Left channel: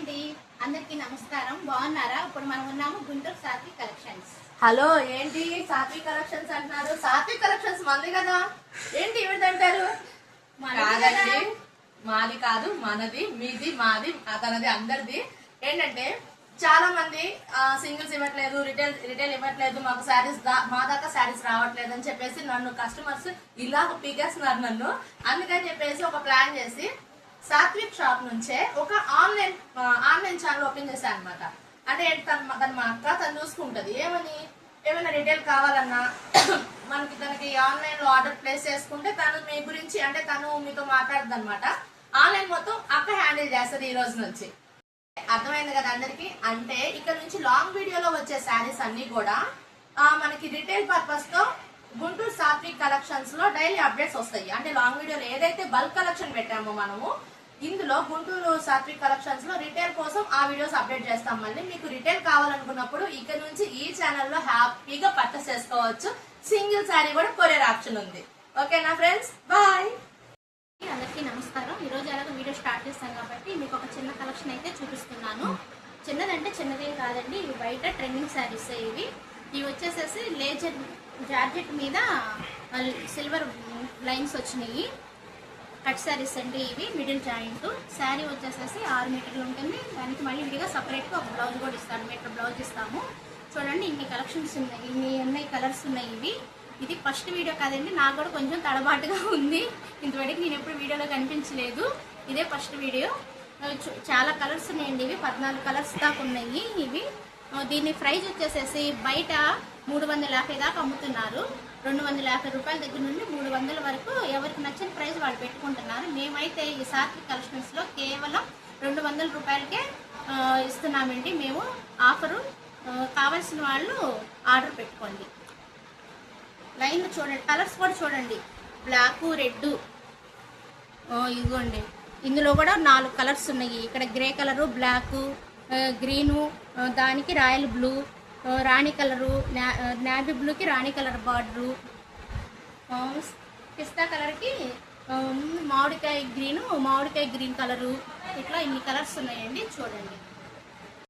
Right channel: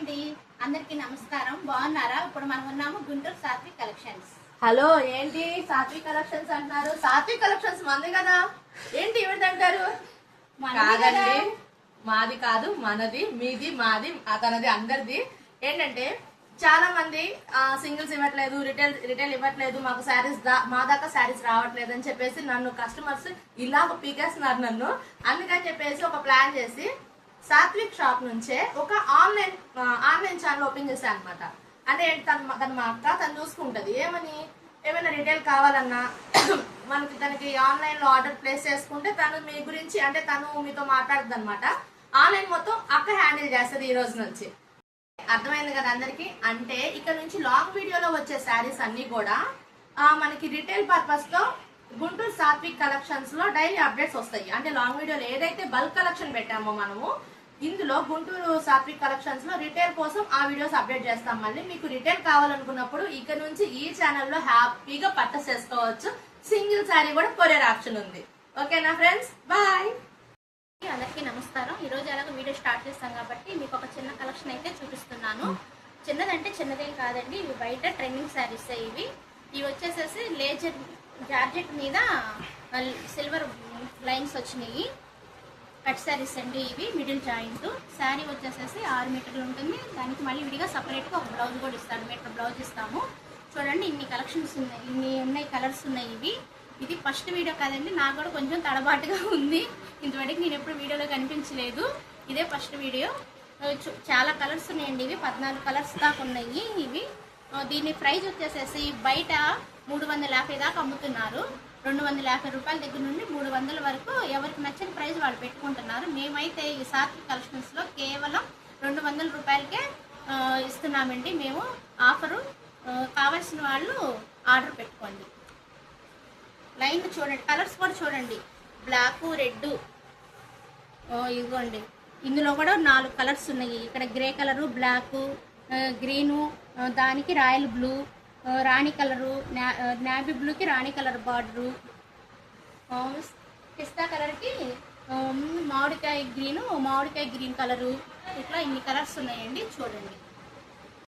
అండి, అందరికీ నమస్కారం. బాగున్నారా? ఇప్పుడు మనం ఉన్నాము గుంటూరు సాత్విక్ కలెక్షన్స్. హలో, ఏంటి సాత్విక్ కలెక్షన్స్ అంటున్నారు? సాత్విక్ కలెక్షన్స్ మంది కదా, ఏంటి ఏమిటంటారు? కాదండి, మాది కాదు, మనది, మీది, మాది, తనది, అందరిది. ఏంటంటే చాలా మంది సింగిల్స్ ఇవ్వట్లేదు, రిటైల్ ఇవ్వట్లేదు, మాకు శారీస్ మా దాకా శారీస్ రావట్లేదు అని చెప్పేసి నన్ను కస్టమర్స్ ఇలా పీకేస్తున్నారు నన్ను. అందుకని చెప్పేసి ఒక ప్లాన్ చేసి సాత్విక్ షాప్ నుంచే ఒక ఆన్లైన్ ఛానల్ ఓపెన్ చేశాను అనమాట. అంటే తను మా అక్క, తను చూసుకుంటది. ఏమైనా రిటైల్ కావాలన్నా మనకి తనకి ఆన్లైన్ లో ఆర్డర్ ప్లేస్ చేసుకుంటే తను మీ గురించి, అంటే తను మీతో మాట్లాడుతుంది అనమాట. ఆన్లైన్ మొత్తం అక్క హ్యాండిల్ చేస్తుంది ఈ రోజు నుంచి. అర్థమైంది కదా అందరికి? అంటే ఇక్కడ నుంచి లాంగ్ వీడియోలో వచ్చే శారీస్ అన్ని కూడా మనకి రిటైల్ పర్పస్ తో గుంటూరు సాత్విక్ కలెక్షన్స్ లో డైలీ అప్డేట్స్ వస్తాయి. అంటే లాంగ్ వీడియోలో ఏదైతే బల్క్ కలెక్షన్ పెట్టామో మనము, ఇందులో గుంటూరు సాత్విక్ కలెక్షన్స్ లో రిటైల్ కోసం ఆ వీడియోస్ అప్డేట్ చేస్తాం. మళ్ళీ మీకు రిటైల్ కావాలనుకున్నప్పుడు ఇక్కడ నుంచి ఈ ఛానల్లో హ్యాపీగా పర్చేస్ చేసుకోవచ్చు. సింగిల్ శారీ కూడా కొరియర్ ఆప్షన్ ఉంది. ఓకేనా ఫ్రెండ్స్? బాయ్. అందరికీ నమస్కారం. ఈ రోజు ఎలాగో వీడియో స్టార్ట్ చేస్తాం కాబట్టి మీకు ఒక చిన్న కలెక్షన్ అయితే చూపిస్తున్నాను. చిన్నదంటే చిన్నదేం కాదండి, ఇవి బయట ట్రెండింగ్ శారీస్. ఇవి వచ్చేసేసి లేజర్ జార్జెట్ మీద సిల్వర్ లైన్స్ వచ్చినాయి. కట్ శారీస్ అండి ఇవి. మిడిల్ జాయింట్ శారీ వచ్చేసేసి 6 మీటర్లు ఉంటుంది. దానికి మళ్ళీ విడిగా సపరేట్గా ఒక బ్లౌజ్ కూడా ఇస్తాను, మీటర్ బ్లౌజ్ ఇస్తాము. చూడండి, ఇన్ని కలెక్షన్స్ ఉన్నాయి, ఇన్ని ఉన్నాయి, కలర్స్ ఉన్నాయి. ఇది ఫస్ట్ వీడియో కాదండి, నాకు కూడా కొంచెం తడబాటుగా ఉంది. ఇంతవరకు నేను ఎప్పుడు వీడియోలో కనిపించలేదు, ఇదే ఫస్ట్ వీడియో. చాలా కలర్స్ ఉన్నాయండి. ఇవి 14 కలర్స్ దాకా ఉన్నాయి. ఇవి దీని ప్రైస్ వచ్చేసేసి బయట 350 దాకా అమ్ముతున్నారు. 250 రూపాయల దగ్గర నుండి 300 వరకు ఎవరికి నచ్చిన ప్రైస్ వాళ్ళు పెట్టుకుంటున్నారు. మేమైతే ఈ సాత్విక్ కలెక్షన్స్ లో కేవలం 200 రూపాయలకే ఇస్తున్నామండి. మేము ఆఫరు. కావాల్సిన వాళ్ళు ఆర్డర్ పెట్టుకోండి. లైన్ చూడండి, కలర్స్ కూడా చూడండి, బ్లాక్, రెడ్, ఇదిగోండి. ఇందులో కూడా 4 కలర్స్ ఉన్నాయి. ఇక్కడ గ్రే కలరు, బ్లాక్, గ్రీను, దానికి రాయల్ బ్లూ, రాణి కలరు, నావీ బ్లూకి రాణి కలర్ బార్డరు, పిస్తా కలర్కి మామిడికాయ గ్రీను, మామిడికాయ గ్రీన్ కలరు. ఇట్లా ఇన్ని కలర్స్ ఉన్నాయండి. చూడండి.